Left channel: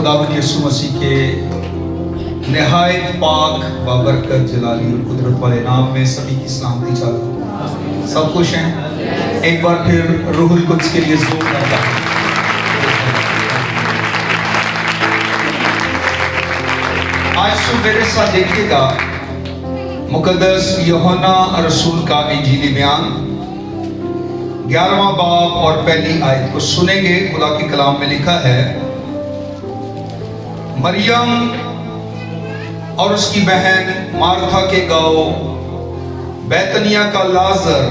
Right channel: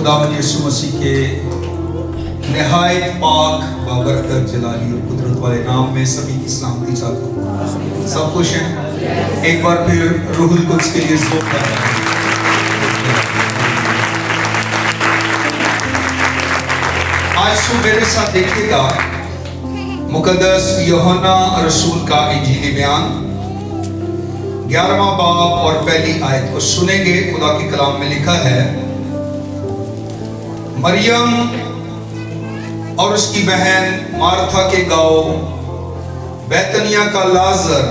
खुदावंद यीशु मसीह के निहायत पाक बाबरकत जलाली और कुदरत वाले नाम में सभी की सलामती चाहता हूँ। सब खुश हैं? एक बार फिर रूहुल कुद्स के लिए ज़ोर करता हूँ। आज तुम मेरे साथ देखिएगा मुकद्दस यूहन्ना रसूल का इंजीली बयान 11वां बाब और पहली आयत को सुनेंगे। खुदा के कलाम में लिखा है, मरियम और उसकी बहन मार्था के गांव बैतनिया का लाजर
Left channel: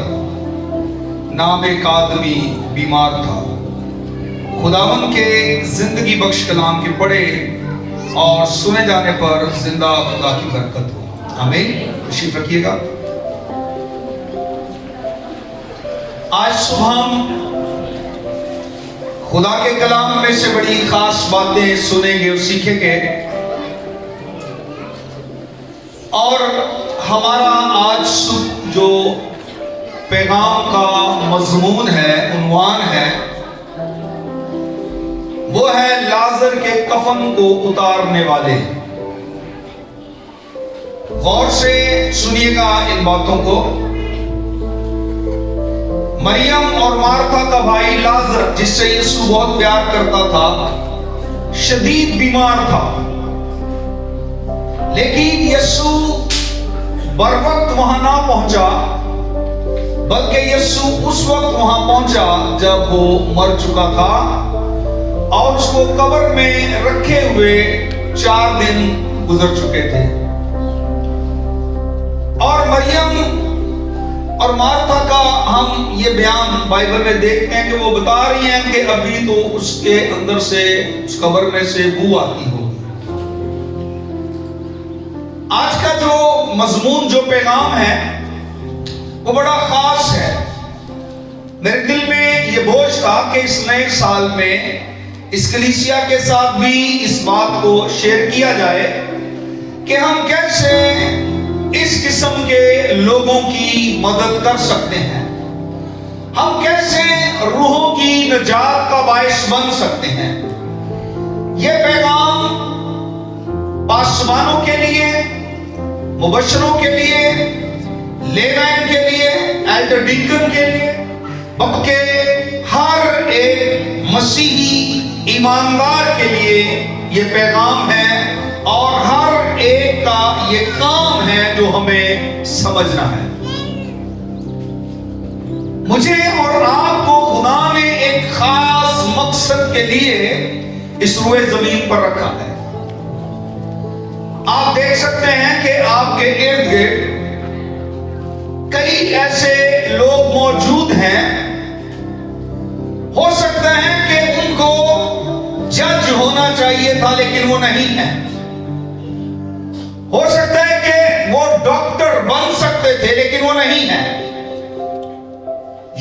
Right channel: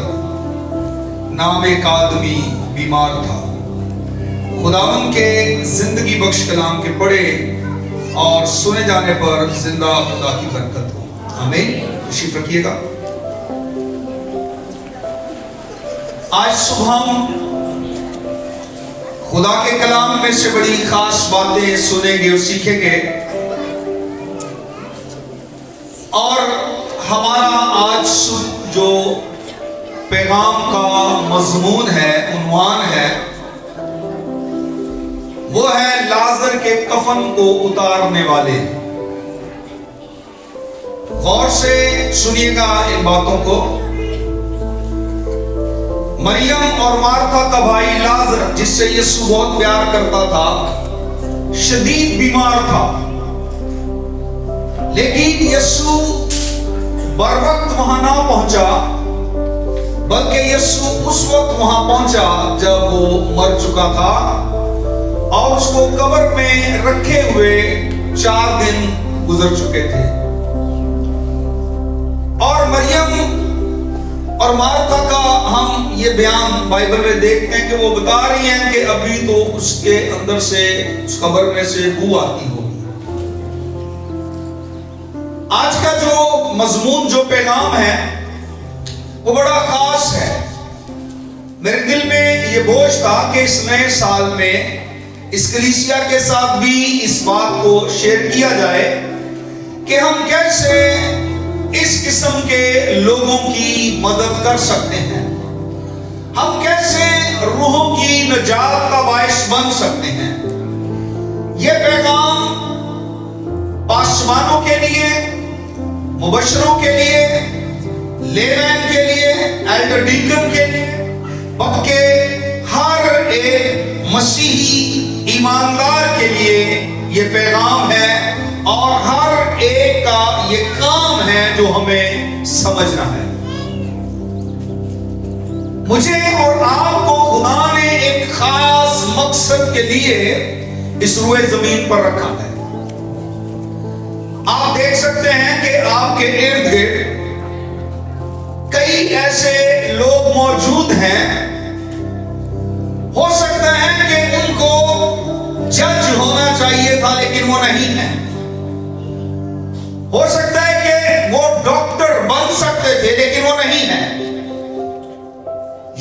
नाम एक आदमी बीमार था। खुदावन के जिंदगी बख्श कलाम के पढ़े और सुने जाने पर जिंदा खुदा की बरकत हो। आमीन। तशरीफ रखिएगा। आज सुबह हम खुदा के कलाम में से बड़ी खास बातें सुनेंगे और सीखेंगे, और हमारा आज जो पैगाम का मजमून है, उन्वान है, वो है लाजर के कफन को उतारने वाले। गौर से सुनिएगा इन बातों को। मरियम और मार्था का भाई लाजर, जिससे यीशु बहुत प्यार करता था, शदीद बीमार था। लेकिन यीशु बर वक्त वहां ना पहुंचा, बल्कि यीशु उस वक्त वहां पहुंचा जब वो मर चुका था और उसको कब्र में रखे हुए 4 दिन गुजर चुके थे। और मरियम और मार्था का हम ये बयान बाइबल में देखते हैं कि वो बता रही हैं कि अभी तो उसके अंदर से, उस कब्र में से बू आती होगी। आज का जो मजमून, जो पैगाम है, वो बड़ा खास है। मेरे दिल में ये बोझ था कि इस नए साल में इस कलीसिया के साथ भी इस बात को शेयर किया जाए कि हम कैसे इस किस्म के लोगों की मदद कर सकते हैं, हम कैसे रूहों की निजात का बायस बन सकते हैं। यह पैगाम पासवानों के लिए, मुबशरों के लिए, लेमैन के लिए, एल्डर डीकन के लिए, बल्कि हर एक मसीही ईमानदार के लिए यह पैगाम है, और हर एक का ये काम है जो हमें समझना है। मुझे और आपको खुदा ने एक खास मकसद के लिए इस रुए जमीन पर रखा है। आप देख सकते हैं कि आपके इर्द गिर्द कई ऐसे लोग मौजूद हैं, हो सकता है कि उनको जज होना चाहिए था लेकिन वो नहीं है। हो सकता है कि वो डॉक्टर बन सकते थे लेकिन वो नहीं है।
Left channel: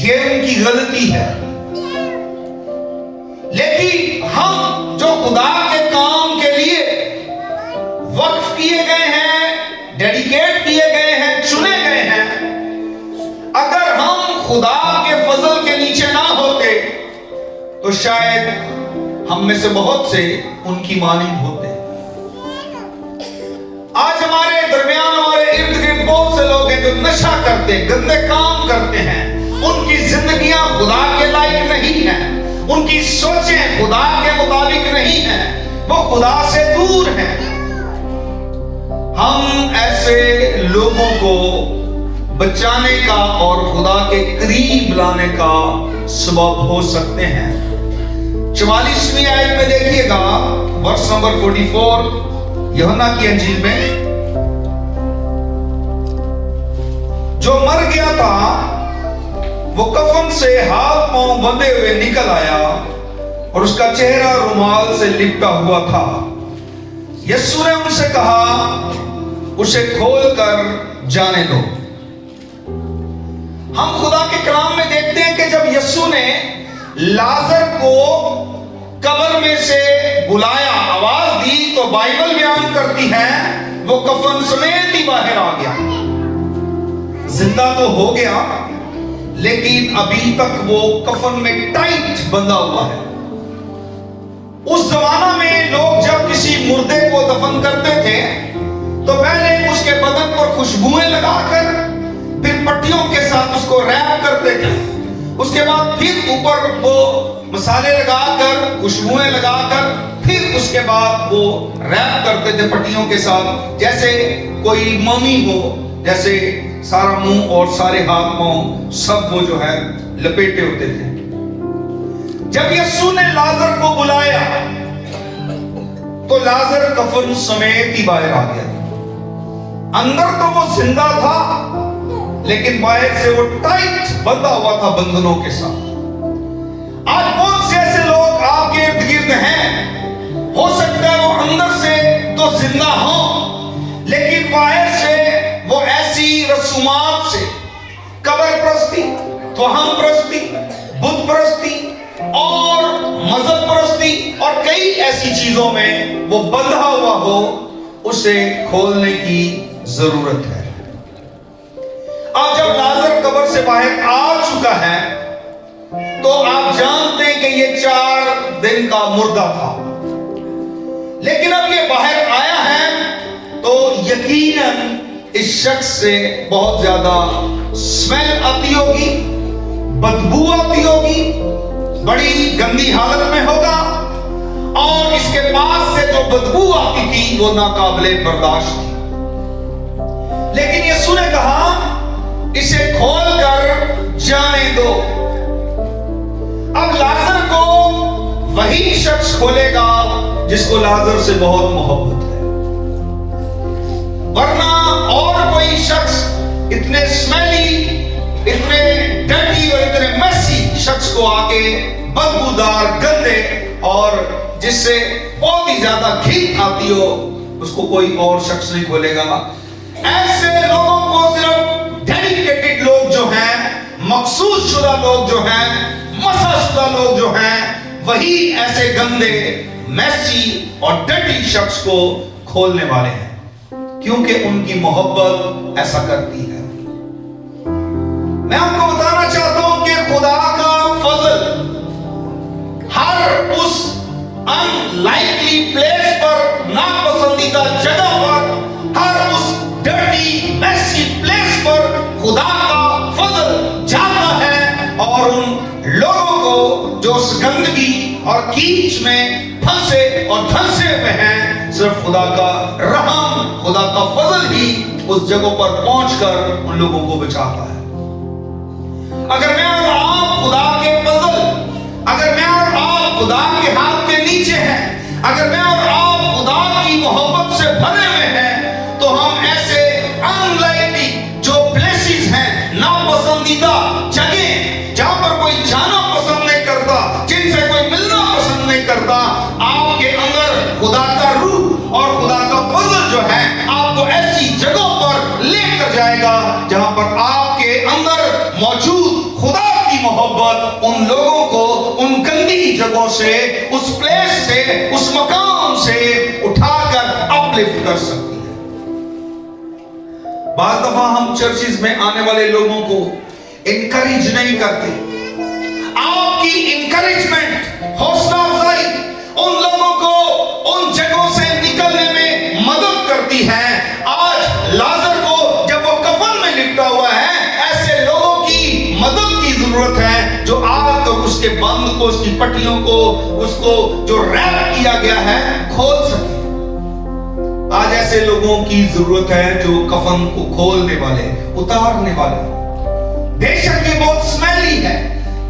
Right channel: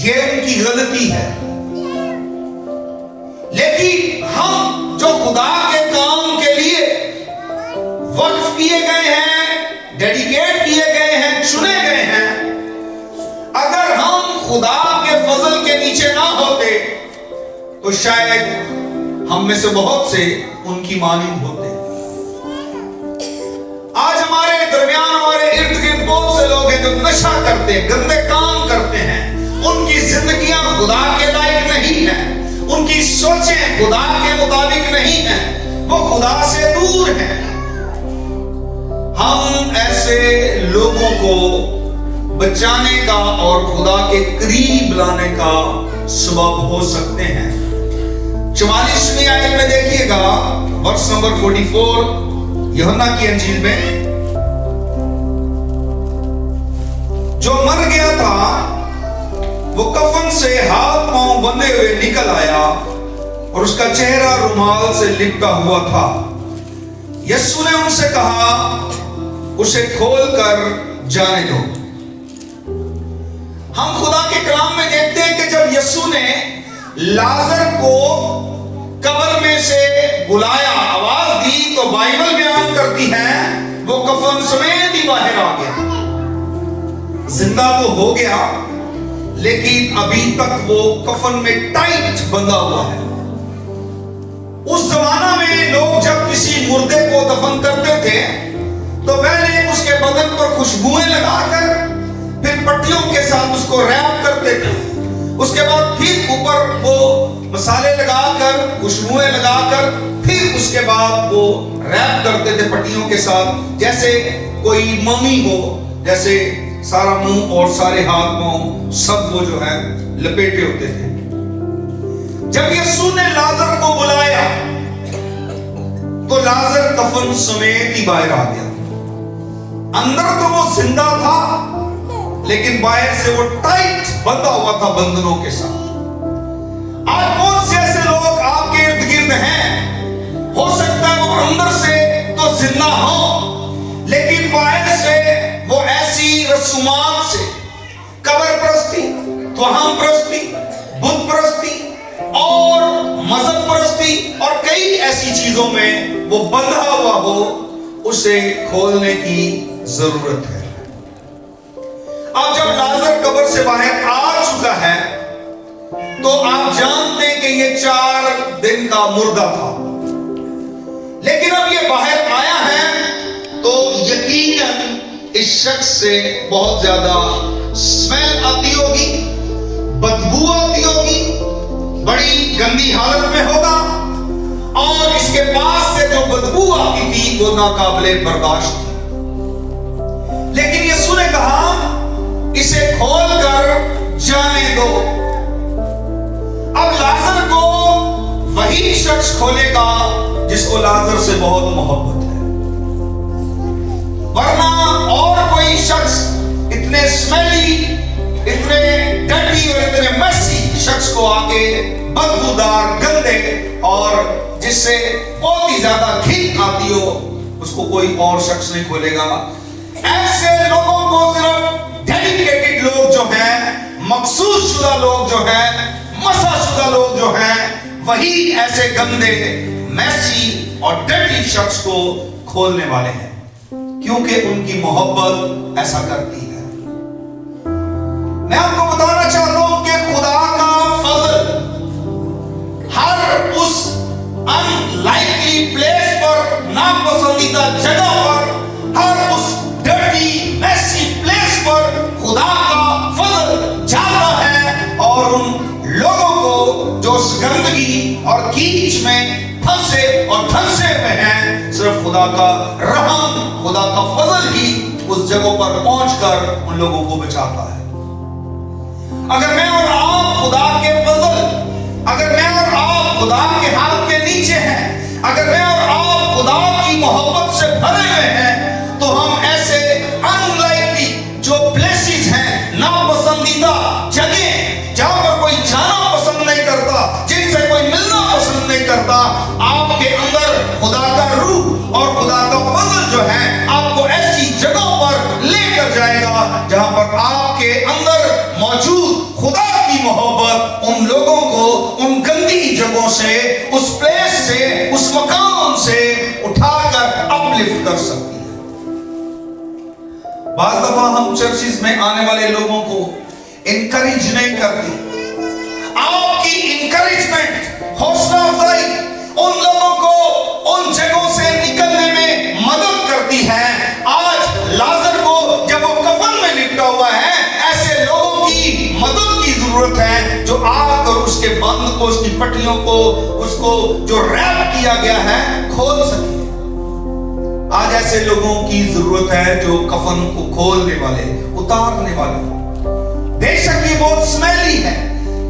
ये उनकी गलती है। लेकिन हम जो खुदा के काम के लिए वक्फ किए गए हैं, डेडिकेट किए गए हैं, चुने गए हैं, अगर हम खुदा के फजल के नीचे ना होते तो शायद हम में से बहुत से उनकी मानिंद होते। आज हमारे दरमियान, हमारे इर्द गिर्द बहुत से लोग हैं जो नशा करते हैं, गंदे काम करते हैं। उनकी जिंदगियां खुदा के लायक नहीं हैं, उनकी सोचें खुदा के मुताबिक नहीं हैं, वो खुदा से दूर हैं। हम ऐसे लोगों को बचाने का और खुदा के करीब लाने का सबब हो सकते हैं। 44वीं आयत में देखिएगा, वर्ष नंबर 44 यूहन्ना की अंजील में, जो मर गया था वो कफन से हाथ पांव बंधे हुए निकल आया और उसका चेहरा रुमाल से लिपटा हुआ था। यीशु ने उनसे कहा, उसे खोलकर जाने दो। हम खुदा के कलाम में देखते हैं कि जब यीशु ने लाजर को कब्र में से बुलाया, आवाज दी, तो बाइबल बयान करती है वो कफन समेत ही बाहर आ गया। जिंदा तो हो गया लेकिन अभी तक वो कफन में टाइट बंधा हुआ है। उस जमाना में लोग जब किसी मुर्दे को दफन करते थे तो पहले उसके बदन पर खुशबुएं लगाकर फिर पट्टियों के साथ उसको रैप करते थे। उसके बाद फिर ऊपर वो मसाले लगाकर खुशबुएं लगाकर फिर उसके बाद वो रैप करते थे पट्टियों के साथ, जैसे कोई मम्मी हो, जैसे सारा मुंह और सारे हाथ पांव सब वो जो है लपेटे होते थे। जब यीशु ने लाजर को बुलाया तो लाजर कफन समेत ही बाहर आ गया। अंदर तो वो जिंदा था लेकिन बाहर से वो टाइट बंधा हुआ था बंधनों के साथ। आज बहुत से ऐसे लोग आपके इर्द गिर्द हैं, हो सकता है वो अंदर से तो जिंदा हो लेकिन बाहर से वो ऐसी रसूमात से, कब्र परस्ती, त्वहम परस्ती, बुत परस्ती और मजहब परस्ती और कई ऐसी चीजों में वो बंधा हुआ हो, उसे खोलने की जरूरत है। अब जब लाजर कब्र से बाहर आ चुका है तो आप जानते हैं कि ये 4 दिन का मुर्दा था, लेकिन अब ये बाहर आया है तो यकीनन इस शख्स से बहुत ज्यादा स्मेल आती होगी, बदबू आती होगी, बड़ी गंदी हालत में होगा और इसके पास से जो बदबू आती थी वो नाकाबिले बर्दाश्त थी। लेकिन यीशु ने कहा इसे खोलकर जाने दो। अब लाजर को वही शख्स खोलेगा जिसको लाजर से बहुत मोहब्बत है, वरना और कोई शख्स इतने स्मेली, इतने डर्टी और इतने मैसी शख्स को आके बदबूदार, गंदे और जिससे बहुत ही ज्यादा घिन आती हो, उसको कोई और शख्स नहीं खोलेगा। ऐसे लोगों को सिर्फ डेडिकेटेड लोग जो हैं, मखसूस शुदा लोग जो हैं, मसा शुदा लोग जो हैं, वही ऐसे गंदे, मैसी और डर्टी शख्स को खोलने वाले हैं, क्योंकि उनकी मोहब्बत ऐसा करती है। मैं आपको बताना चाहता हूं कि खुदा का फजल हर उस अनलाइकली प्लेस पर, नापसंदीदा जगह पर, हर उस डर्टी मैसी प्लेस पर खुदा का फजल जाता है और उन लोगों को जो उस गंदगी और कीच में फंसे और धंसे में हैं, सिर्फ खुदा का रहम, खुदा का फजल ही उस जगह पर पहुंचकर उन लोगों को बचाता है। अगर मैं और आप खुदा के फजल, अगर मैं और आप खुदा के हाथ के नीचे हैं, अगर मैं और आप खुदा की मोहब्बत से भरे हुए हैं, तो हम ऐसे अनलाइकली जो प्लेसेस हैं, नापसंदीदा जगह जहां पर कोई जाना पसंद नहीं करता, जिनसे कोई मिलना पसंद नहीं करता, आपके अंदर खुदा का रूह और खुदा का फजल जो है आपको ऐसी जगहों पर लेकर जाएगा जहां पर आपके अंदर मौजूद खुदा की मोहब्बत उन लोगों को उन गंदी जगहों से, उस प्लेस से, उस मकान से उठाकर अपलिफ्ट कर सकती है। बाज़ दफा हम चर्चिस में आने वाले लोगों को इनकरेज नहीं करते। आपकी इनकरेजमेंट, हौसला अफजाई उन लोगों को उन जगहों से निकलने में मदद करती है। आज लाजर को जब वो कफन में लिपटा हुआ है, ऐसे लोगों की मदद की जरूरत है जो आकर उसके बंद को, उसकी पट्टियों को, उसको जो रैप किया गया है खोल सके। आज ऐसे लोगों की जरूरत है जो कफन को खोलने वाले, उतारने वाले। बेशक ये बहुत स्मेली है,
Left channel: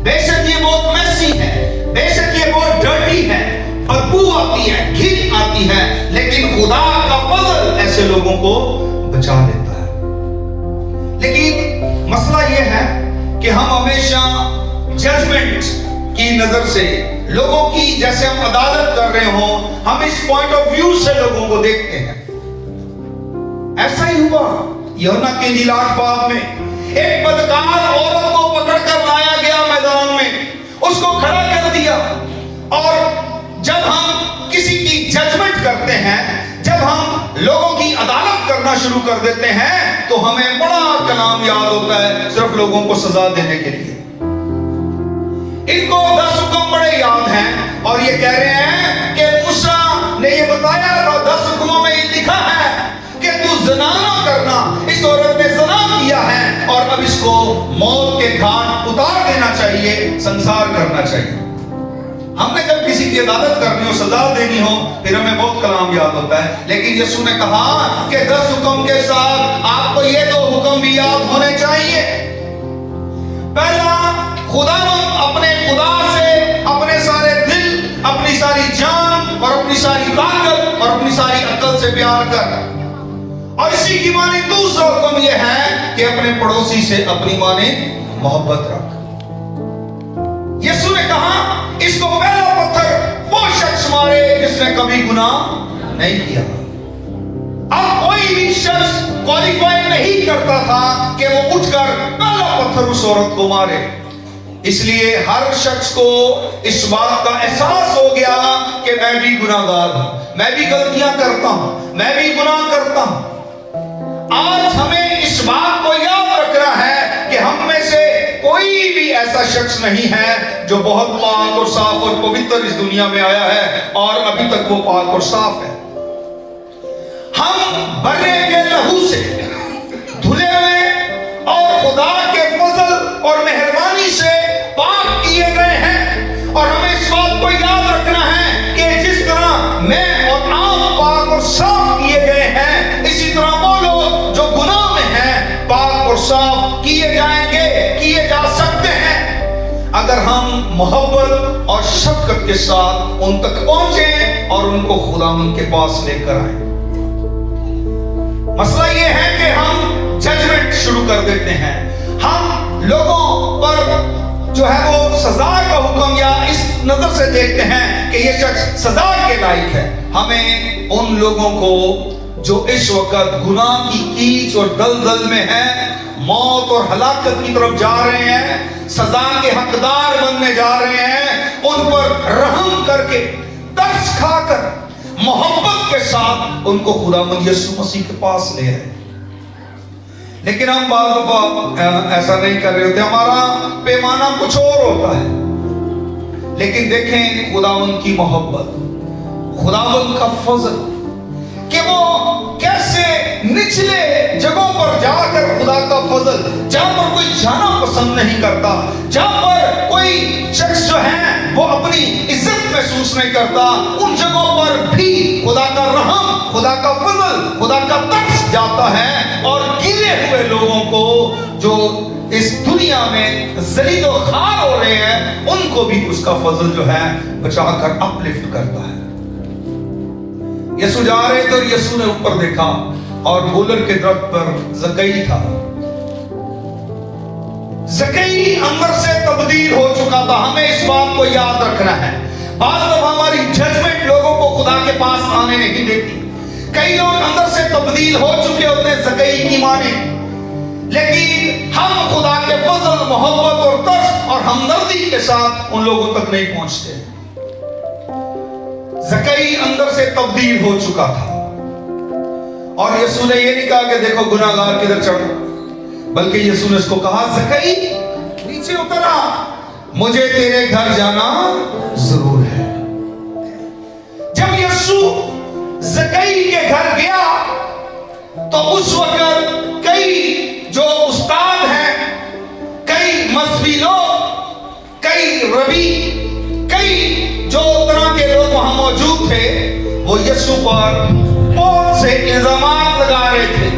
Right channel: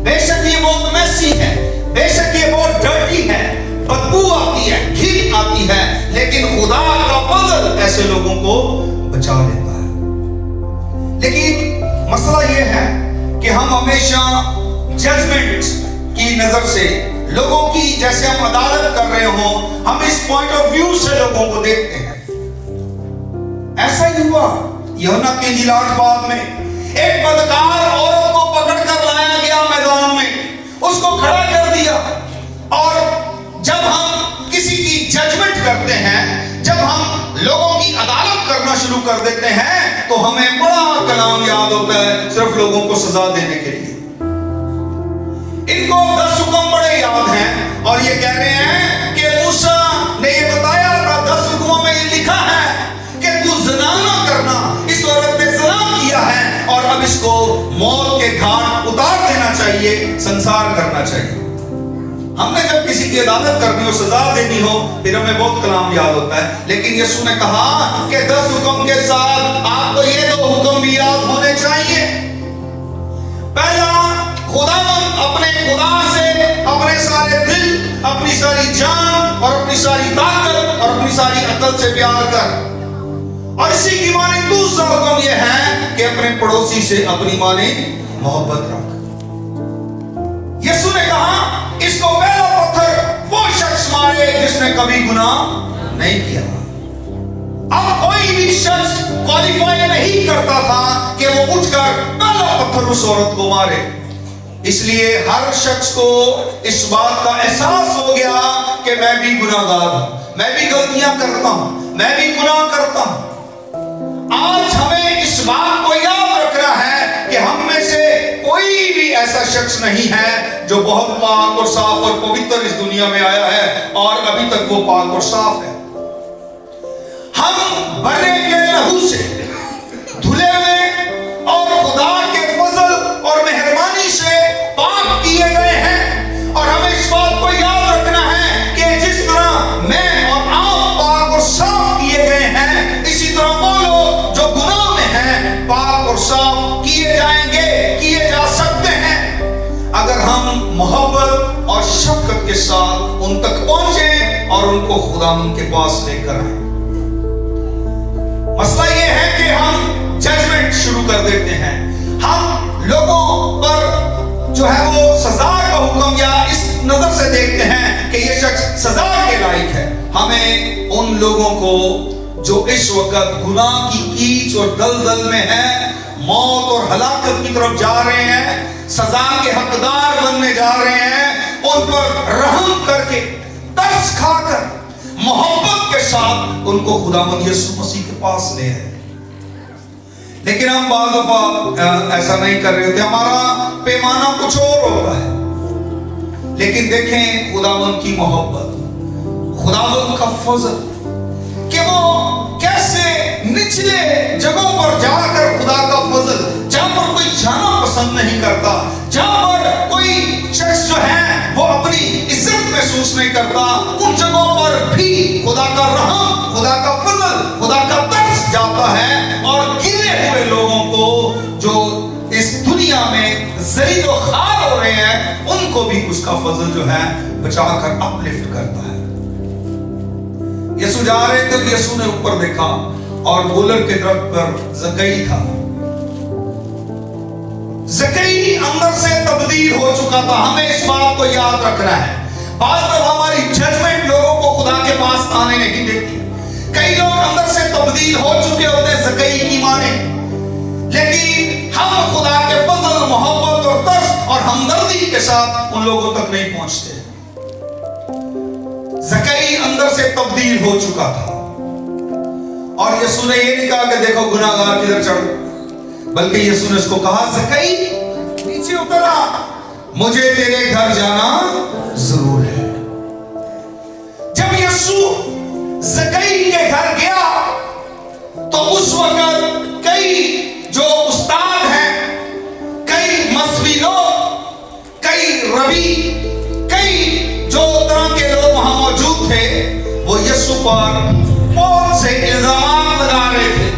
बेशक ये बहुत मैसी है, बेशक ये बहुत डर्टी है, बदबू आती है, घिन आती है, लेकिन खुदा का फजल ऐसे लोगों को बचा लेता है। लेकिन मसला ये है कि हम हमेशा जजमेंट की नजर से लोगों की, जैसे हम अदालत कर रहे हो, हम इस पॉइंट ऑफ व्यू से लोगों को देखते हैं। ऐसा ही हुआ यूहन्ना की इंजील 8 बाब में एक बदकार औरत को पकड़कर लाया गया मैदान में, उसको खड़ा कर दिया। और जब हम किसी की जजमेंट करते हैं, जब हम लोगों की अदालत करना शुरू कर देते हैं, तो हमें बड़ा कलाम याद होता है सिर्फ लोगों को सजा देने के लिए। इनको 10 हुक्म बड़े याद हैं और ये कह रहे हैं जना न करना, इस औरत ने जना किया है और अब इसको मौत के घाट उतार देना चाहिए, संसार करना चाहिए। हमने जब किसी की अदालत करनी हो, सजा देनी हो, फिर हमें बहुत कलाम याद होता है, लेकिन यीशु ने कहा कि 10 हुक्म के साथ आपको ये 2 हुक्म भी याद होने चाहिए। पहला, खुदा अपने खुदा से अपने सारे दिल, अपनी सारी जान और अपनी सारी ताकत और अपनी सारी अकल से प्यार कर। और इसी की माने दूसरा हुक्म यह है कि अपने पड़ोसी से अपनी माने मोहब्बत रख। यीशु ने कहा इसको पहला पत्थर वो शख्स मारे जिसने कभी गुनाह नहीं किया। अब कोई भी शख्स क्वालिफाई नहीं करता था कि वो उठकर पहला पत्थर उस औरत को मारे। इसलिए हर शख्स को इस बात का एहसास हो गया कि मैं भी गुनाहगार हूं, मैं भी गलतियां करता हूं, मैं भी गुनाह करता हूं। आज हमें इस बात को याद रखना है कि हम में से कोई भी ऐसा शख्स नहीं है जो बहुत पाक और साफ और पवित्र इस दुनिया में आया है और अभी तक वो पाक और साफ है। हम बने के लहू से धुले हुए और खुदा के फजल और मेहरबानी से पाक किए गए हैं। और हमें इस बात को याद रखना है कि जिस तरह मैं और आप पाक और साफ किए गए हैं, इसी तरह वो लोग जो गुनाह में हैं पाक और साफ किए जाएंगे, किए जा सकते हैं, अगर हम मोहब्बत और शफकत के साथ उन तक पहुंचे और उनको खुदा के पास लेकर आए। मसला यह है कि हम जजमेंट शुरू कर देते हैं, हम लोगों पर जो है वो सजा का हुक्म या इस नजर से देखते हैं कि ये शख्स सजा के लायक है। हमें उन लोगों को जो इस वक्त गुनाह की कीच और दलदल में हैं, मौत और हलाकत की तरफ जा रहे हैं, सजा के हकदार बनने जा रहे हैं, उन पर रहम करके तरस खाकर मोहब्बत के साथ उनको खुदावंद यीशु मसीह के पास ले आए। लेकिन हम बाज़ दफा ऐसा नहीं कर रहे होते, हमारा पैमाना कुछ और होता है। लेकिन देखें खुदावंद की मोहब्बत, खुदावंद का फजल कि वो कैसे निचले जगहों पर जाकर खुदा का फजल, जहां पर कोई जाना पसंद नहीं करता, जहां पर कोई शख्स जो है वो अपनी इज्जत महसूस नहीं करता, उन जगहों पर भी खुदा का रहम, खुदा का फजल, खुदा का तरस जाता है और गिरे हुए लोगों को जो इस दुनिया में ज़लील और खार हो रहे हैं, उनको भी उसका फजल जो है बचाकर अपलिफ्ट करता है। यीशु जा रहे तो यीशु ने ऊपर देखा और गोलर के दरख्त पर ज़कई था। ज़कई अंदर से तब्दील हो चुका था। हमें इस बात को याद रखना है। आज तक हमारी जजमेंट लोगों को खुदा के पास आने नहीं देती। कई लोग अंदर से तब्दील हो चुके होते ज़कई की माने, लेकिन हम खुदा के फजल, मोहब्बत और तरस और हमदर्दी के साथ उन लोगों तक नहीं पहुंचते। ज़कई अंदर से तब्दील हो चुका था और यीशु ने ये नहीं कहा कि देखो गुनाहगार किधर चढ़, बल्कि यीशु ने इसको कहा ज़कई नीचे उतर आ, मुझे तेरे घर जाना जरूर है। जब यीशु ज़कई के घर गया तो उस वक्त कई जो उस्ताद हैं, कई मजहबी लोग, कई रबी, कई जो तरह के लोग वहां मौजूद थे, वो यीशु पर बहुत से इल्जामात लगा रहे थे।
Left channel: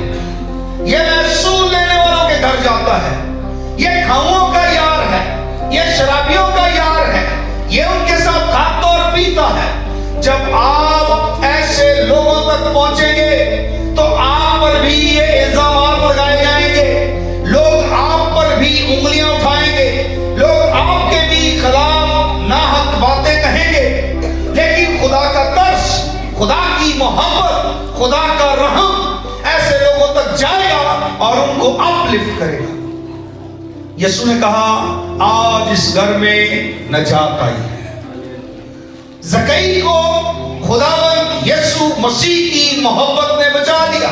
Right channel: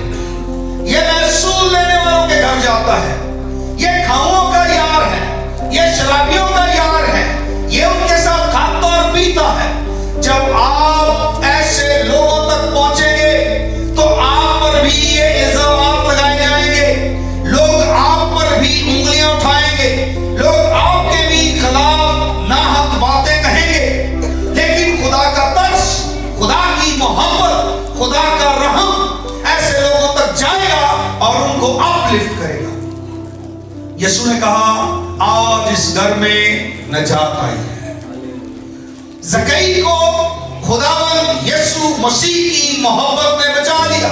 ये महसूल लेने वालों के घर जाता है, ये खाओं का यार है, ये शराबियों का यार है, ये उनके साथ खाता और पीता है। जब आप ऐसे लोगों तक पहुंचेंगे तो आप पर भी ये इल्जामात लगाए जाएंगे, लोग आप पर भी उंगलियां उठाएंगे, लोग आपके भी खिलाफ नाहक बातें कहेंगे। लेकिन खुदा का तरस, खुदा की मोहब्बत, खुदा का रहम ऐसे लोगों तक जाएगा और उनको अपलिफ्ट करेगा। यीशु ने कहा आज इस घर में नजात आई है। ज़कई को खुदावंद यीशु मसीह की मोहब्बत ने बचा लिया।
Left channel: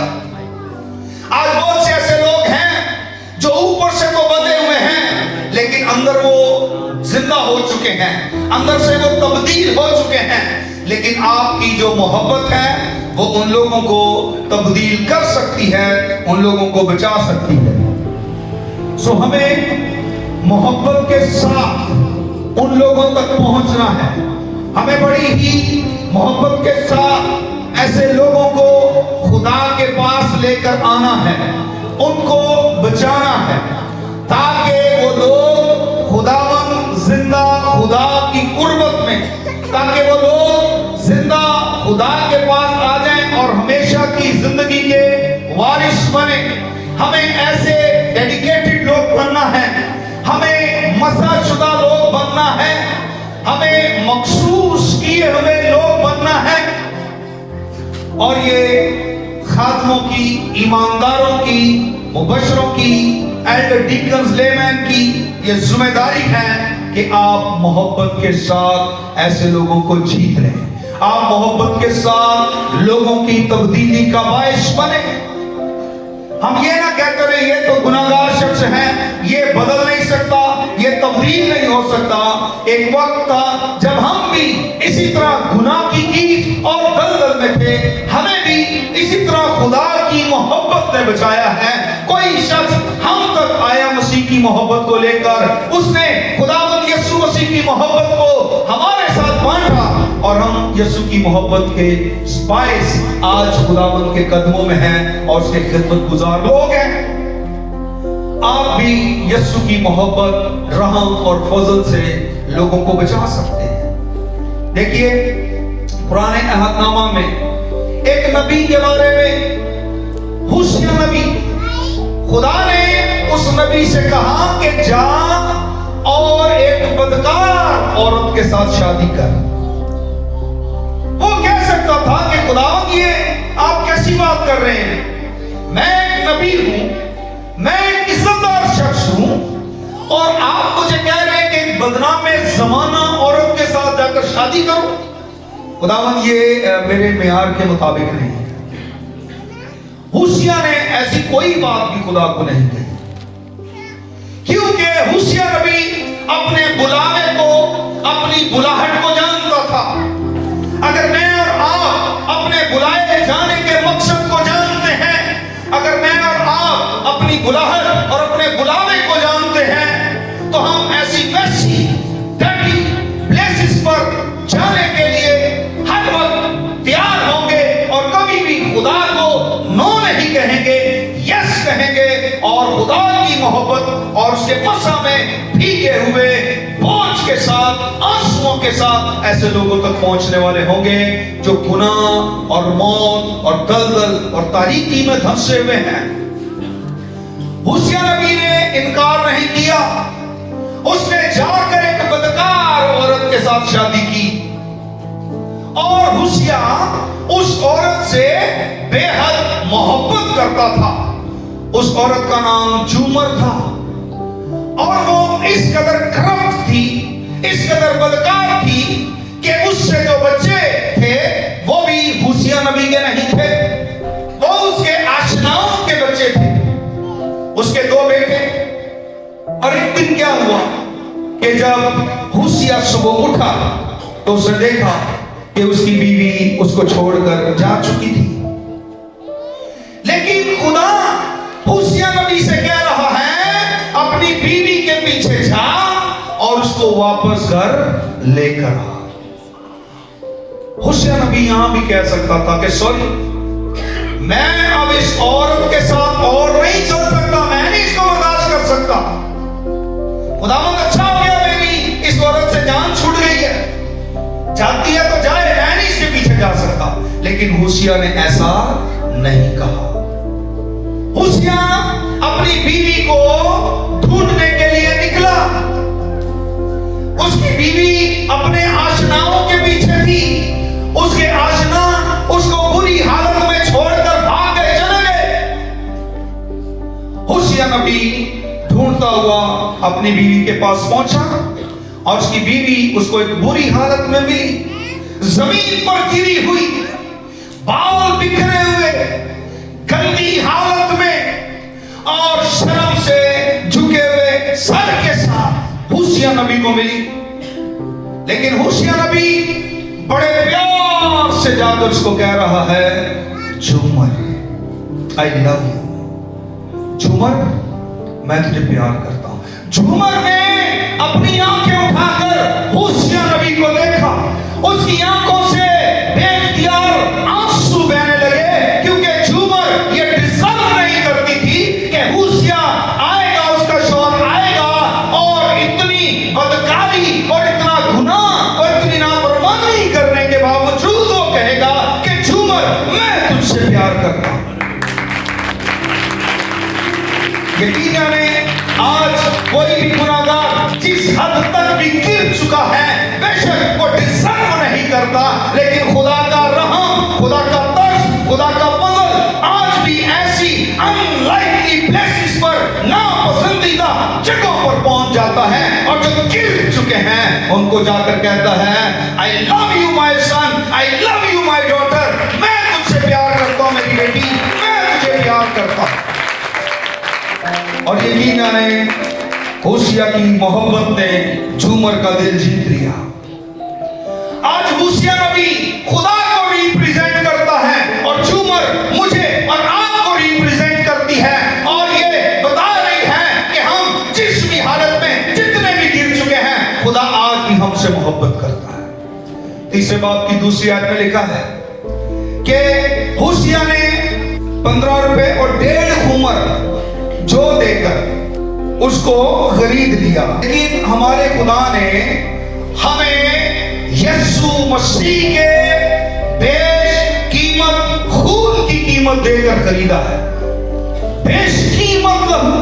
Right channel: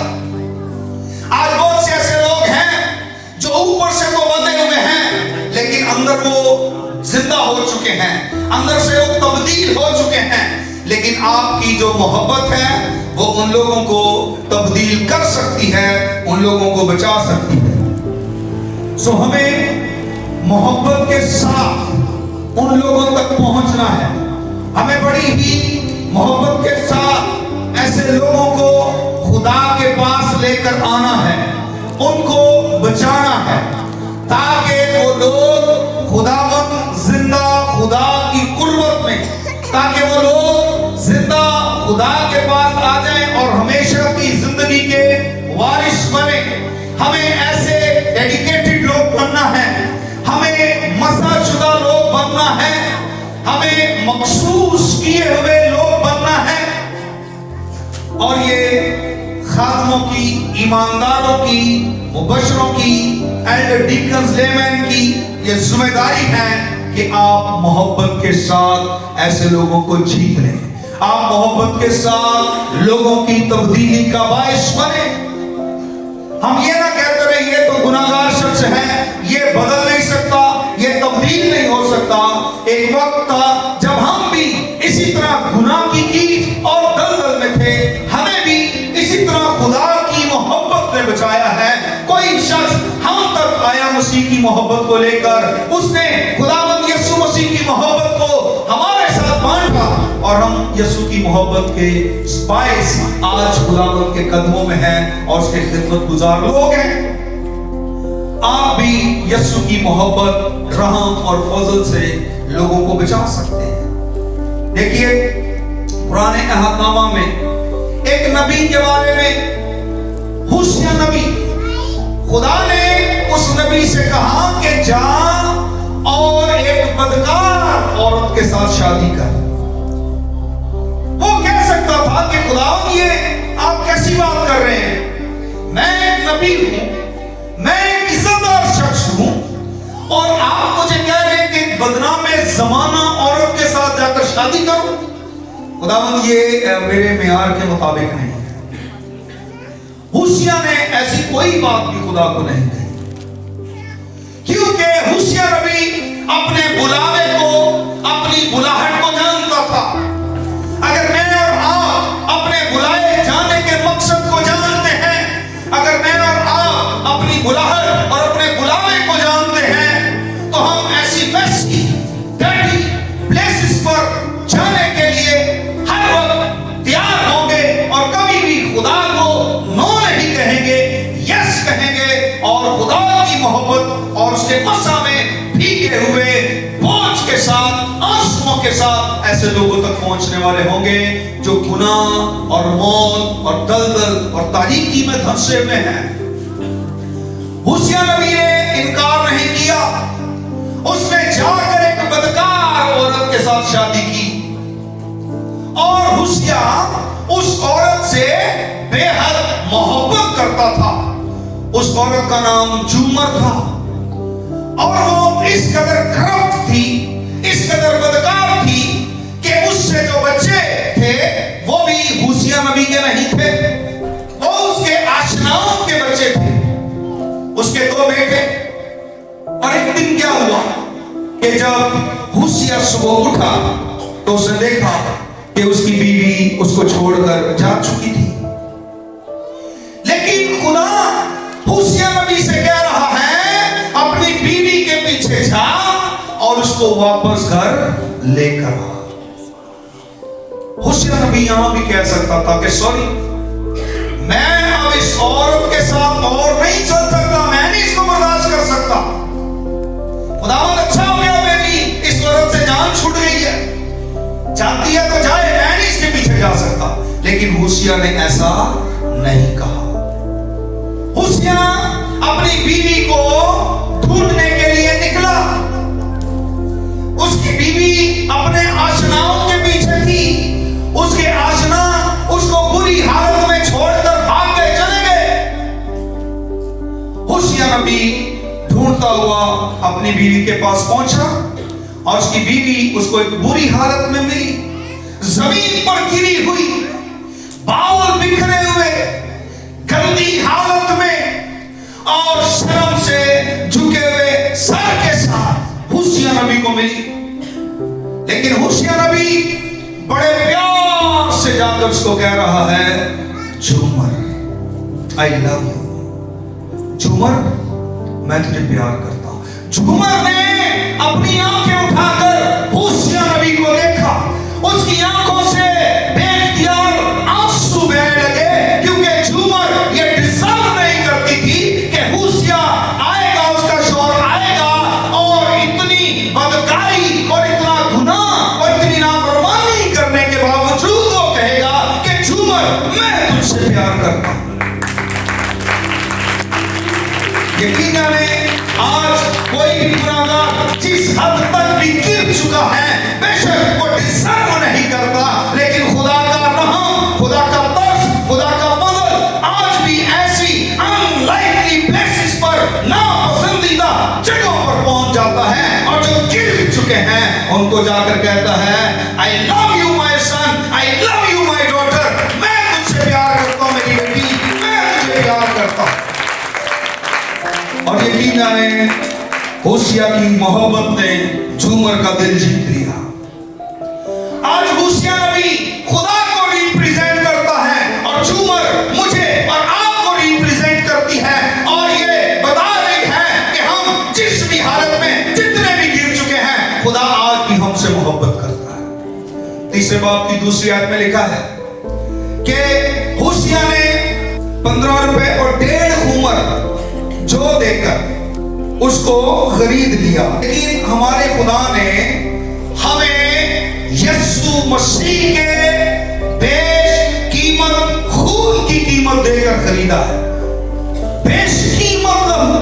आज बहुत से ऐसे लोग हैं जो ऊपर से तो बंधे हुए हैं, लेकिन अंदर वो जिंदा हो चुके हैं, अंदर से वो तब्दील हो चुके हैं। लेकिन आपकी जो मोहब्बत है वो उन लोगों को तब्दील कर सकती है, उन लोगों को बचा सकती है। सो हमें मोहब्बत के साथ उन लोगों तक पहुंचना है। हमें बड़ी ही मोहब्बत के साथ ऐसे लोगों को खुदा के पास लेकर आना है, उनको बचाना है, ताकि वो लोग खुदावंद जिंदा खुदा की कुर्बत में, ताकि वो लोग जिंदा खुदा के पास आ जाएं और हमेशा की जिंदगी के वारिस बने। हमें ऐसे डेडिकेटेड लोग बनना है, हमें मसलाशुदा लोग बनना है, हमें मखसूस किए हुए लोग बनना है। और ये खादमों की, ईमानदारों की, मुबशरों की, एल्डर डीकन्स लेमैन की ये जिम्मेदारी है कि आप मोहब्बत के साथ ऐसे लोगों को जीत लें, आप मोहब्बत के साथ लोगों की तब्दीली का बाइस बने। हम ये ना कहते रहे ये तो गुनाहगार शख्स है, ये बदल नहीं सकता, ये तब्दील नहीं हो सकता। एक वक्त था जब हम भी इसी तरह गुनाह की कीच और दलदल में थे, हमें भी इसी तरह खुदा की मोहब्बत ने बचाया है। कोई शख्स हम तक आया मसीह की मोहब्बत को लेकर, उसने खुदावंद यीशु मसीह की मोहब्बत को हमारे साथ बांटा और हम यीशु की मोहब्बत के बाइस आज खुदावंद के कदमों में हैं और उसके खिदमत गुजार लोग हैं। आप भी यीशु की मोहब्बत, रहम और फजल से लोगों को बचा सकते हैं। देखिए पुराने अहदनामा में एक नबी के बारे में, होशिया नबी, खुदा ने उस नबी से कहा कि जा और एक बदकार औरत के साथ शादी कर। वो कह सकता था कि खुदावंद ये आप कैसी बात कर रहे हैं, मैं एक नबी हूं, मैं एक इज्जतदार शख्स हूं और आप मुझे कह रहे हैं कि बदनाम जमाना औरत के साथ जाकर शादी करो। खुदावंद ये मेरे मियार के मुताबिक नहीं है। होशिया ने ऐसी कोई बात भी खुदा को नहीं कही, क्योंकि होशिया नबी अपने बुलावे को, अपनी बुलाहट को जानता था। अगर मैं और आप अपने बुलाए जाने के मकसद को जानते हैं, अगर मैं और आप अपनी बुलाहट और अपने बुलावे को जानते हैं, तो हम ऐसी वैसी डर्टी प्लेसेस पर जाने के लिए हर वक्त तैयार होंगे और कभी भी खुदा को नो नहीं कहेंगे, यस कहेंगे और खुदा की मोहब्बत और उसके मसा में भीगे हुए बोझ के साथ, आंसुओं के साथ ऐसे लोगों तक पहुंचने वाले होंगे जो गुनाह और मौत और दलदल और तारीकी में धंसे हुए हैं। होशिया नबी ने इनकार नहीं किया, उसने जाकर एक बदकार औरत के साथ शादी की और होशिया उस औरत से बेहद मोहब्बत करता था। उस औरत का नाम जूमर था और वो इस कदर करप्ट थी, इस कदर बदकार थी कि उससे जो बच्चे थे वो भी होशिया नबी के नहीं थे, वो उसके आशनाओं के बच्चे थे, उसके दो बेटे। और एक दिन क्या हुआ कि जब होशिया सुबह उठा तो उसने देखा कि उसकी बीवी उसको छोड़कर जा चुकी थी। लेकिन खुदा होशिया नबी से कह रहा है अपनी बीवी के पीछे जा और उसको वापस घर लेकर आ। होशिया नबी यहां भी कह सकता था कि सॉरी, मैं अब इस औरत के साथ और नहीं चल सकता, मैं नहीं इसको बर्दाश्त कर सकता। खुदावंद अच्छा हो गया मेरी इस औरत से जान छूट गई है, जाती है तो जाए, मैं नहीं इसके पीछे जा सकता। लेकिन होशिया ने ऐसा नहीं कहा। होशिया अपनी बीवी को ढूंढने के लिए निकला। उसकी बीवी अपने आशनाओं के पीछे थी, उसके आशना उसको बुरी हालत में छोड़कर भाग गए, चले गए। होशिया नबी ढूंढता हुआ अपनी बीवी के पास पहुंचा और उसकी बीवी उसको एक बुरी हालत में मिली, जमीन पर गिरी हुई, बाल बिखरे हुए, गंदी हालत में और शर्म से झुके हुए सर के साथ होशिया नबी को मिली। लेकिन होशिया नबी बड़े प्यार से जाकर जाकर उसको कह रहा है, झूमर आई लव यू, झूमर मैं तुझे प्यार करता हूं। झूमर ने अपनी आंखें उठाकर होशिया नबी को देखा, उसकी आंखों से बेख्तियार आंसू बहने लगे, क्योंकि झूमर ये डिजर्व नहीं करती थी कि होशिया आएगा, उसका शौहर आएगा और इतनी बदकारी और इतना गुनाह और इतनी नाफरमानी करने के बावजूद वो कहेगा कि झूमर मैं तुझसे प्यार करता हूं। यकीन जाने आज कोई भी गुनाहगार जिस हद तक भी गिर चुका है, बेशक वो डिजर्व नहीं करता, लेकिन खुदा का रहम, खुदा का तरस, खुदा का फजल आज भी ऐसी अनलाइकली प्लेसेस पर, नापसंदीदा जगहों पर पहुंच जाता है, और जो गिर चुके हैं उनको जाकर कहता है, I love you my son, I love you my daughter, मैं तुझसे प्यार करता हूं मेरी बेटी, मैं तुझे प्यार करता हूं। और यकीन जाने होशिया की मोहब्बत ने झूमर का दिल जीत लिया। आज होशिया नबी खुदा को रिप्रेजेंट करता है और झूमर मुझे और आपको रिप्रेजेंट करती है, और ये बता रही है कि हम जिस भी हालत में जितने भी गिर चुके हैं, खुदा आज भी हमसे मोहब्बत करता है। तीसरे बाब की दूसरी आयत में लिखा है कि होशिया ने 15 रुपए और 1.5 खूमर जो देकर उसको खरीद लिया। लेकिन हमारे खुदा ने हमें यीशु मसीह के बेशकीमत खून की कीमत देकर खरीदा है। बेशकीमत लहू,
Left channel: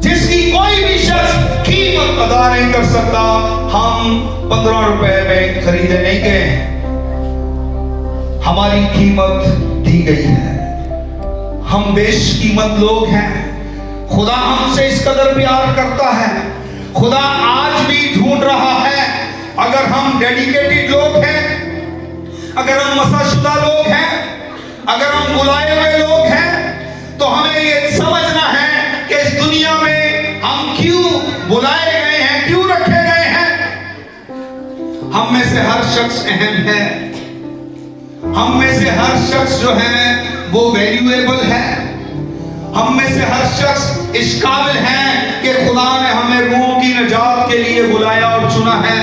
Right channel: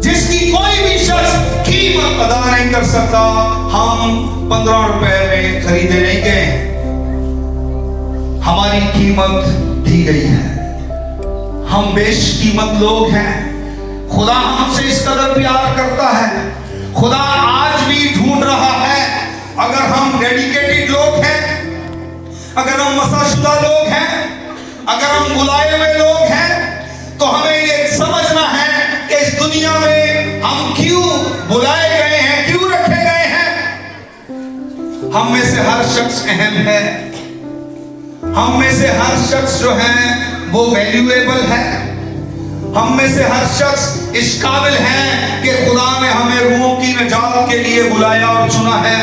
जिसकी कोई भी शख्स कीमत अदा नहीं कर सकता। हम 15 रुपए में खरीदे नहीं गए, हमारी कीमत दी गई है। हम बेशकीमत लोग हैं। खुदा हमसे इस कदर प्यार करता है। खुदा आज भी ढूंढ रहा है। अगर हम डेडिकेटेड लोग हैं, अगर हम मसाशुदा लोग हैं, अगर हम बुलाए हुए लोग हैं, तो हमें ये समझना है कि इस दुनिया में हम क्यों बुलाए गए हैं, क्यों रखे गए हैं। हम में से हर शख्स अहम है। हम में से हर शख्स जो है वो वैल्यूएबल है। हम में से हर शख्स इस काबिल है कि खुदा ने हमें रूहों की निजात के लिए बुलाया और चुना है।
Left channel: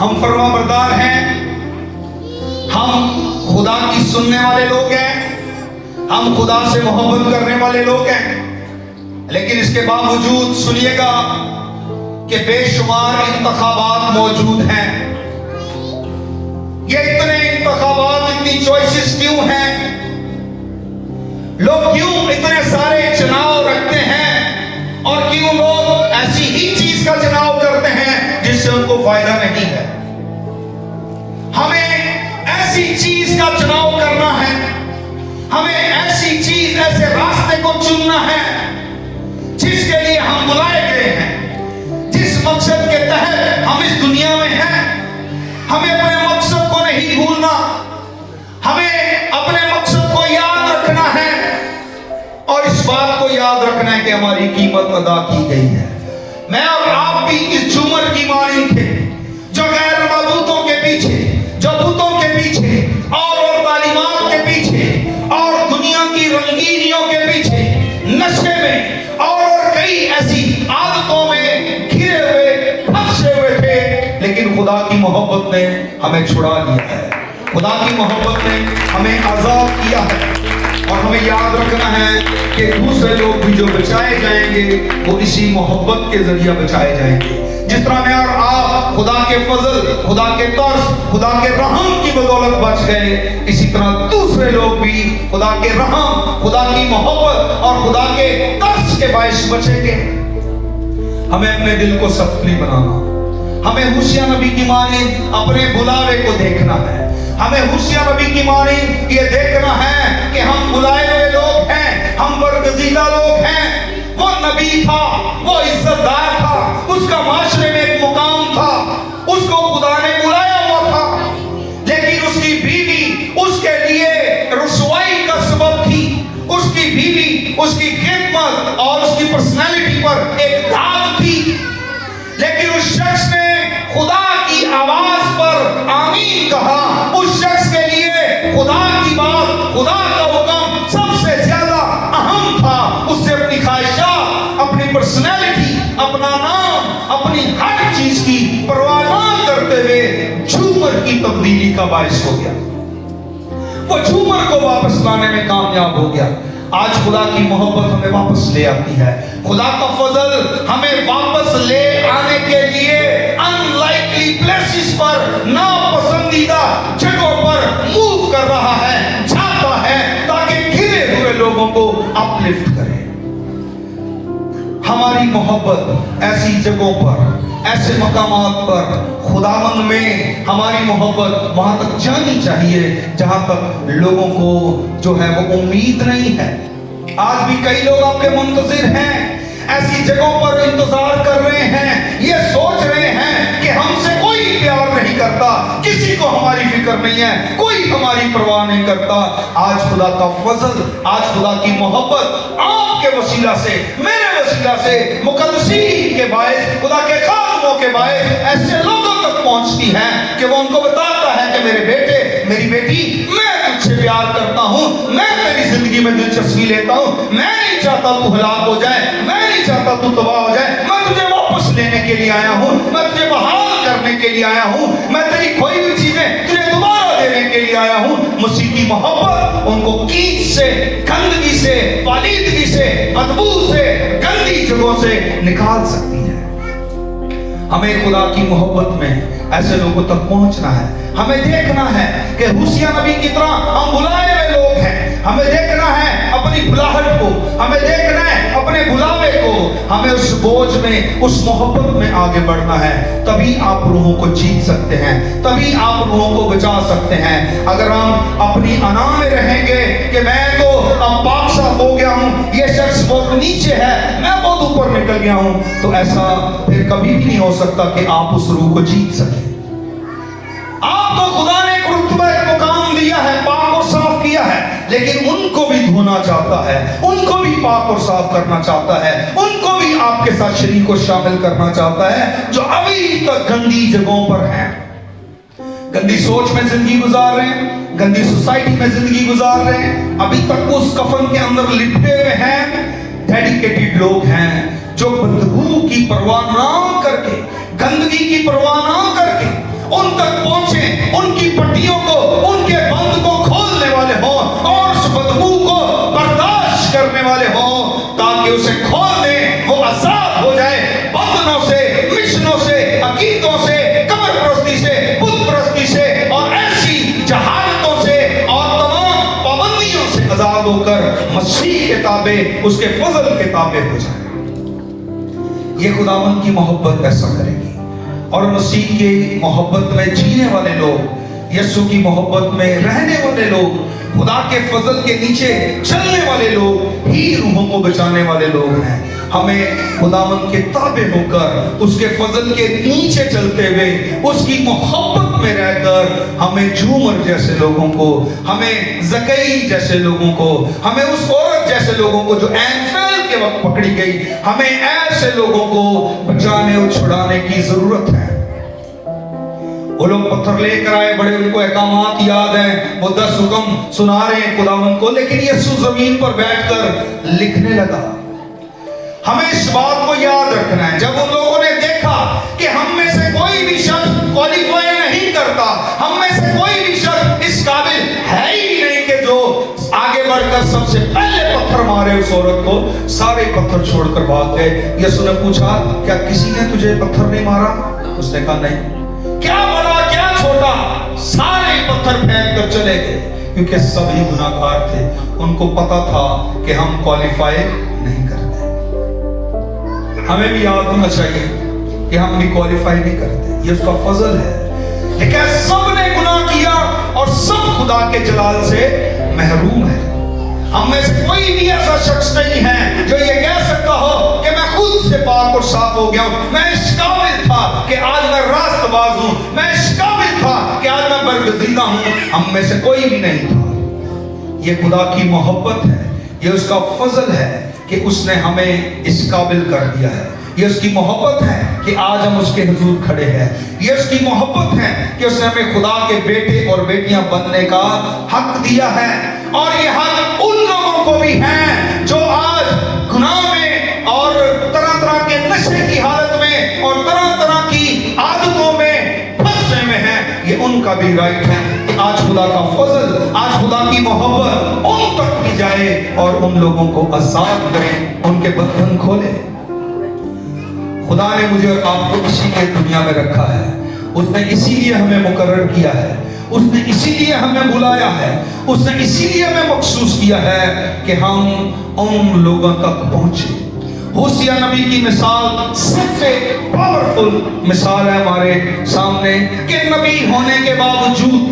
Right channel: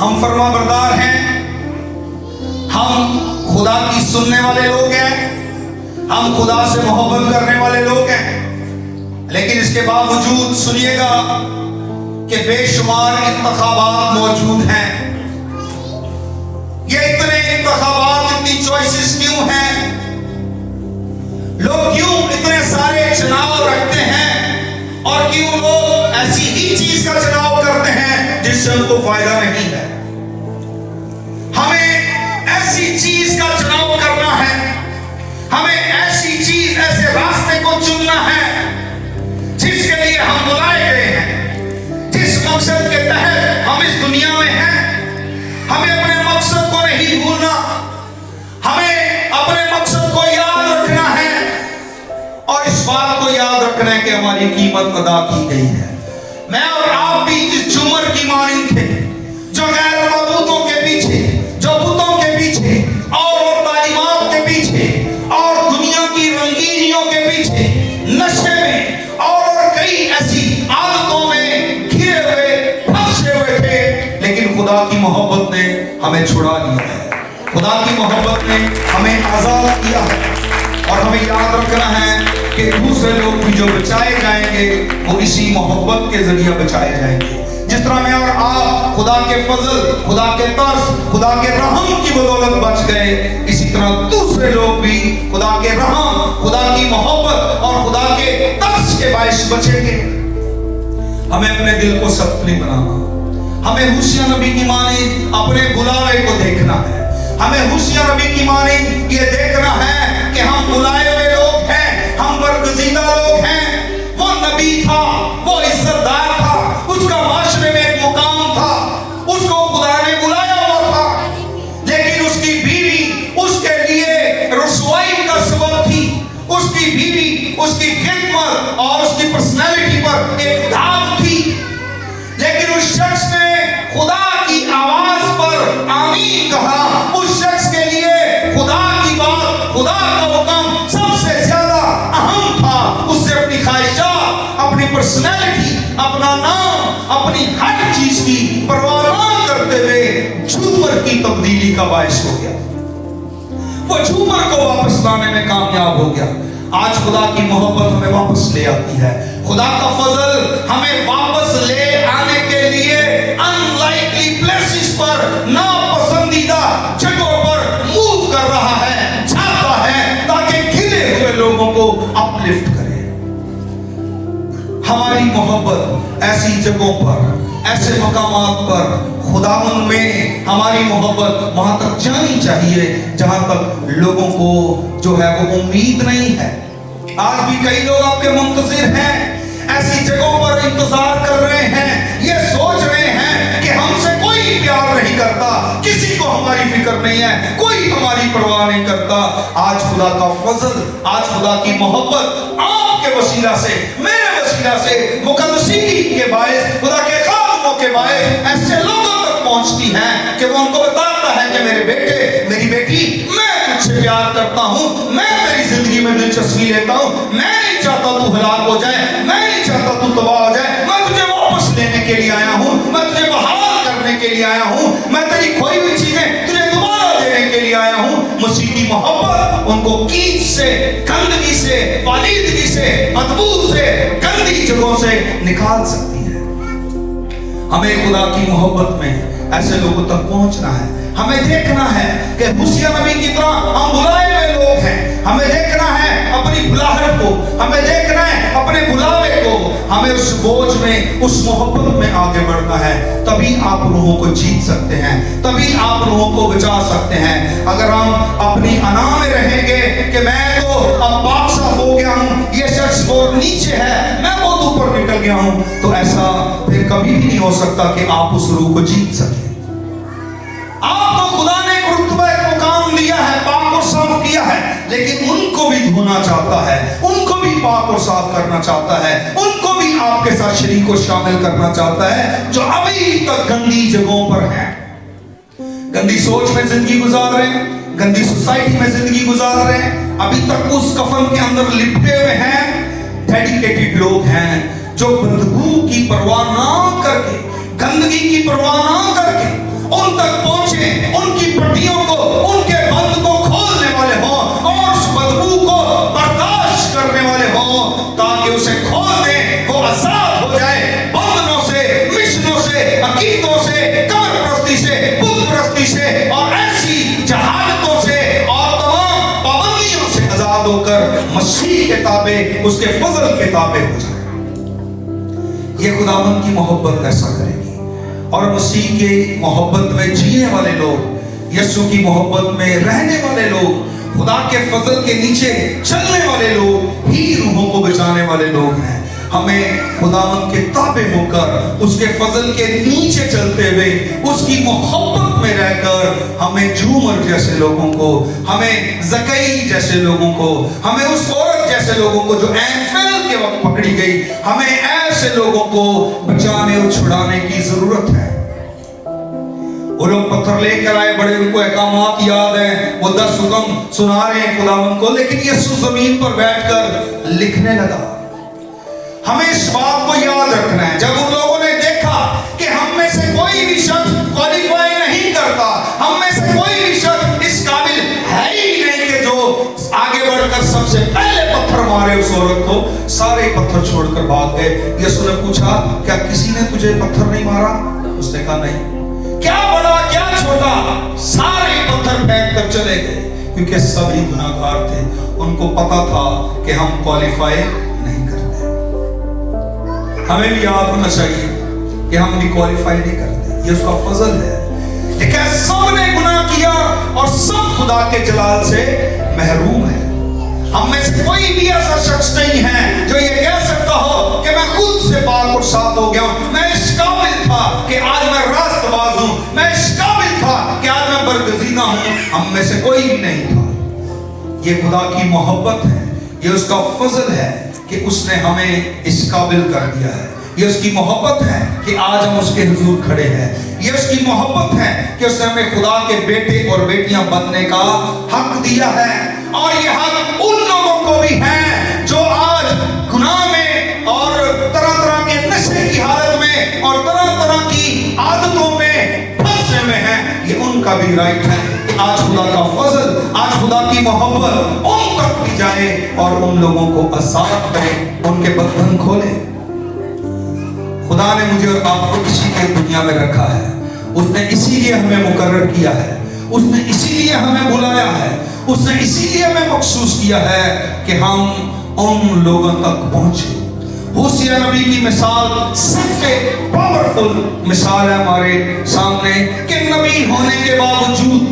हम फरमाबरदार हैं, हम खुदा की सुनने वाले लोग हैं, हम खुदा से मोहब्बत करने वाले लोग हैं। लेकिन इसके बावजूद सुनिएगा कि बेशुमार इंतखाबात मौजूद हैं। ये इतने इंतखाबात, इतनी चॉइसेस क्यों हैं? लोग क्यों इतने सारे चुनाव रखते हैं, और क्यों लोग ऐसी ही चीज का चुनाव करते हैं जिससे उनको फायदा नहीं है? हमें ऐसी चीज का चुनाव करना है, हमें ऐसी चीज, ऐसे रास्ते को चुनना है जिसके लिए हम बुलाए गए हैं, जिस मकसद के तहत हम इस दुनिया में हैं। हमें अपने मकसद को नहीं भूलना, हमें अपने मकसद को याद रखना है, और इस बात को याद रखना है कि हमारी कीमत अदा की गई है। मैं और आप भी इस झूमर की मानी थे, जो गैर मबूतों के पीछे, जो बुतों के पीछे और तालीमात के पीछे और दुनिया की रंगीनियों के पीछे, नशे में और कई ऐसी आदतों में घिरे हुए, फंसे हुए थे। लेकिन खुदा की मोहब्बत ने हमें छुड़ा लिया है। खुदा की मोहब्बत ने हमें आजाद किया है। और हमें याद रखना है कि दूसरे लोग भी जो बचाए जाएंगे वो इसी मोहब्बत के जरिए बचाए जाएंगे। जिस तरह मैं और आप खुदा के फजल, खुदा के तरस, खुदा के रहम की बदौलत बच गए, इसी तरह दूसरे लोग भी खुदा के रहम, खुदा की मोहब्बत और खुदा के तरस के बायस बचेंगे। हमें अपने दिल को सख्ती बनाना, हमें होशिया नबी की मानी अपने बुलावे को देखना है। हमें होशिया नबी की मानी ये देखना है कि हम बुलाए हुए लोग हैं, हम बरगजीदा लोग हैं। वो नबी था, वो इज्जतदार था, उसका माशरे में एक मुकाम था, उसको खुदा ने बुलाया हुआ था। लेकिन उसकी बीवी उसके लिए रसवाई का सबब थी। उसकी बीवी उसकी खिदमत और उसकी पर्सनैलिटी पर एक दाग थी। लेकिन उस शख्स ने खुदा की आवाज पर आमीन की तब्दीली का बायस हो गया, वो झूमर को वापस लाने में कामयाब हो गया। आज खुदा की मोहब्बत हमें वापस ले आती है। खुदा का फजल हमें वापस ले आने के लिए अनलाइकली प्लेसेस पर, नापसंदीदा जगहों पर मूव कर रहा है, जाता है, ताकि गिरे हुए लोगों को अपलिफ्ट करे। हमारी मोहब्बत ऐसी जगहों पर, ऐसे मकामात पर, खुदावंद में हमारी मोहब्बत वहां तक जानी चाहिए जहां तक लोगों को जो है वो उम्मीद नहीं है। आज भी कई लोग आपके मुंतजिर हैं, ऐसी जगहों पर इंतजार कर रहे हैं, ये सोच रहे हैं कि हमसे कोई प्यार नहीं करता, किसी को हमारी फिक्र नहीं है, कोई हमारी परवाह नहीं करता। आज खुदा का फजल, आज खुदा की मोहब्बत आपके वसीला से, मेरे वसीला से, मुकद्दसी के बायस, खुदा के खादमों के बायस ऐसे लोगों तक पहुंचती है कि वो उनको बताता है कि मेरे बेटे, मेरी बेटी, मैं तुझसे प्यार करता हूं, मैं तेरी जिंदगी में दिलचस्पी लेता हूं, मैं नहीं चाहता तू हलाक हो जाए, मैं नहीं चाहता तू तबाह हो जाए, मैं तुझे वापस लेने के लिए आया हूं, मैं तुझे बहाल करने के लिए आया हूं, मैं तेरी खोई हुई चीजें तुझे दोबारा देने के लिए आया हूं। मसीह की मोहब्बत उनको कीच से, गंदगी से, पालीदगी से, बदबू से, गंदी जगहों से निकाल सकती है। हमें खुदा की मोहब्बत में ऐसे लोगों तक पहुंचना है। हमें देखना है कि हुसिया नबी की तरह हम बुलाए हुए लोग हैं। हमें देखना है अपनी बुलाहट को, हमें देखना है अपने बुलावे को, हमें उस बोझ में, उस मोहब्बत में आगे बढ़ना है। तभी आप रूहों को जीत सकते हैं, तभी आप रूहों को बचा सकते हैं। अगर हम अपनी अना में रहेंगे कि मैं तो अब पाक साफ हो गया हूं, ये शख्स बहुत नीचे है, मैं बहुत ऊपर निकल गया हूं, तो ऐसा फिर कभी भी नहीं हो सकता कि आप उस रूह को जीत सकें। आपको खुदा ने एक रुतबा, एक मुकाम दिया है, पाक और साफ किया है, लेकिन उनको भी धोना चाहता है, उनको भी पाक और साफ करना चाहता है, उनको भी आपके साथ शरीक को शामिल करना चाहता है जो अभी तक गंदी जगहों पर हैं, गंदी सोच में जिंदगी गुजार रहे हैं, गंदी सोसाइटी में जिंदगी गुजार रहे हैं, अभी तक उस कफन के अंदर लिपटे हुए हैं। डेडिकेटेड लोग हैं जो बदबू की परवाह ना करके, गंदगी की परवाह ना करके उन तक पहुंचे, उनकी पट्टियों को, उनके बंद को खोलने वाले हों और उस बदबू को बर्दाश्त करने वाले हों, ताकि उसे खोल दें, वो आजाद हो जाए बंधनों से, मिशनों से, अकीदों से, कब्र परस्ती से, बुत परस्ती से और ऐसी जहालतों से और तमाम पाबंदियों से आजाद होकर मसीह के ताबे, उसके फजल के ताबे हो जाए। ये खुदावंद की मोहब्बत ऐसा करेगी। और मसीह के मोहब्बत में जीने वाले लोग, यीशु की मोहब्बत में रहने वाले लोग, खुदा के फजल के नीचे चलने वाले लोग ही रूहों को बचाने वाले लोग हैं। हमें खुदावंद के ताबे होकर, उसके फजल के नीचे चलते हुए, उसकी मोहब्बत में रहकर, हमें झूमर जैसे लोगों को, हमें जकई जैसे लोगों को, हमें उस औरत जैसे लोगों को जो एनफेल के वक्त पकड़ी गई, हमें ऐसे लोगों को बचाने और छुड़ाने की जरूरत है। वो लोग पत्थर लेकर आए, बड़े उनको अहकामात याद हैं, वो 10 हुक्म सुना रहे हैं खुदावंद को, लेकिन यीशु जमीन पर बैठकर लिखने लगा। हमें इस बात को याद रखना है, जब उन लोगों ने देखा कि हम में से कोई भी शख्स क्वालिफाई नहीं करता, हम में से कोई भी शख्स इस काबिल है ही नहीं कि जो आगे बढ़कर सबसे पहले पत्थर मारे उस औरत को, सारे पत्थर छोड़कर भाग गए। यीशु ने पूछा, क्या किसी ने तुझे पत्थर नहीं मारा? उसने कहा नहीं। क्या बड़ा क्या छोटा, सारे पत्थर फेंक कर चले गए, क्योंकि सभी गुनाहगार थे। उनको पता था कि हम क्वालिफाई नहीं करते। हमें भी याद होना चाहिए कि हम भी क्वालिफाई नहीं करते, ये उसका फजल है। लेकिन सबने गुनाह किया और सब खुदा के जलाल से महरूम है। हम में से कोई भी ऐसा शख्स नहीं है जो ये कह सकता हो कि मैं खुद से पाक और साफ हो गया हूं, मैं इस काबिल था कि आज मैं रास्तबाज हूं, मैं इस काबिल था कि आज मैं बरगजीदा हूं। हम में से कोई भी नहीं था। ये खुदा की मोहब्बत है, ये उसका फजल है कि उसने हमें इस काबिल कर दिया है। ये उसकी मोहब्बत है कि आज हम उसके हुजूर खड़े हैं। ये उसकी मोहब्बत है कि उसने हमें खुदा के बेटे और बेटियां बनने का हक दिया है। और ये हक उन लोगों को भी है जो आज गुनाह में और तरह तरह के नशे की हालत में और तरह तरह की आदतों में फंसे हुए हैं। ये उनका तरीका भी राइट है कि आज खुदा का फजल, आज खुदा की मोहब्बत उन तक भी जाए और उन लोगों को आजाद करे, उनके बंधन खोले। खुदा ने मुझे और आपको इसीलिए दुनिया में रखा है, उसने इसीलिए हमें मुकर्रर किया है, उसने इसीलिए हमें बुलाया है, उसने इसीलिए हमें मखसूस किया है कि हम उन लोगों तक पहुंचे। होशिया नबी की मिसाल सबसे पावरफुल मिसाल है हमारे सामने कि नबी होने के बावजूद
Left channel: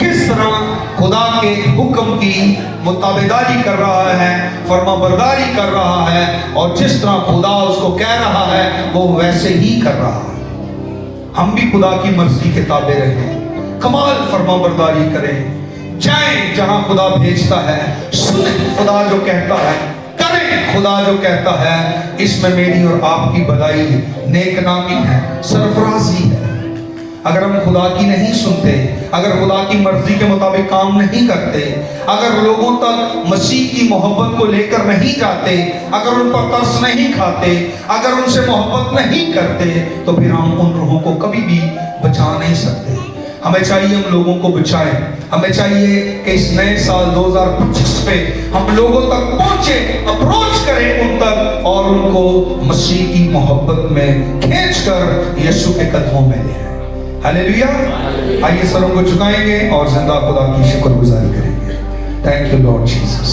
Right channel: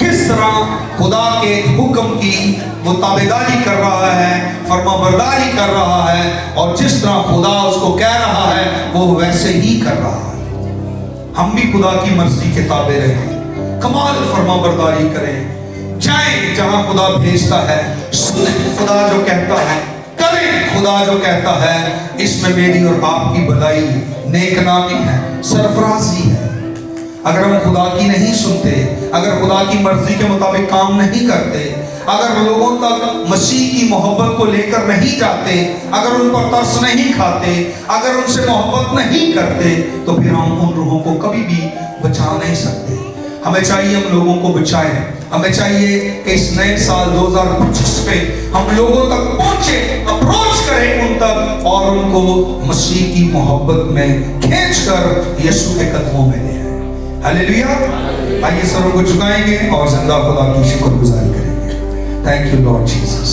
किस तरह खुदा के हुक्म की वो ताबेदारी कर रहा है, फरमाबरदारी कर रहा है, और जिस तरह खुदा उसको कह रहा है वो वैसे ही कर रहा है। हम भी खुदा की मर्जी के ताबे रहें, कमाल फरमाबरदारी करें, जाएं जहां खुदा भेजता है, सुने खुदा जो कहता है, करें खुदा जो कहता है। इसमें मेरी और आपकी भलाई, नेकनामी है, सरफराजी है। अगर हम खुदा की नहीं सुनते, अगर खुदा की मर्जी के मुताबिक काम नहीं करते, अगर लोगों तक मसीह की मोहब्बत को लेकर नहीं जाते, अगर उन पर तरस नहीं खाते, अगर उनसे मोहब्बत नहीं करते, तो फिर हम उन रूहों को कभी भी बचा नहीं सकते। हमें चाहिए हम लोगों को बचाएं, हमें चाहिए कि इस नए साल 2025 पे हम लोगों तक पहुंचे, अप्रोच करें उन तक और उनको मसीह की मोहब्बत में खींचकर यीशु के कदमों में ले आए। हालेलुया। आइए सरों को झुकाएंगे और जिंदा खुदा की शुक्रगुजारी करेंगे। Thank you Lord Jesus.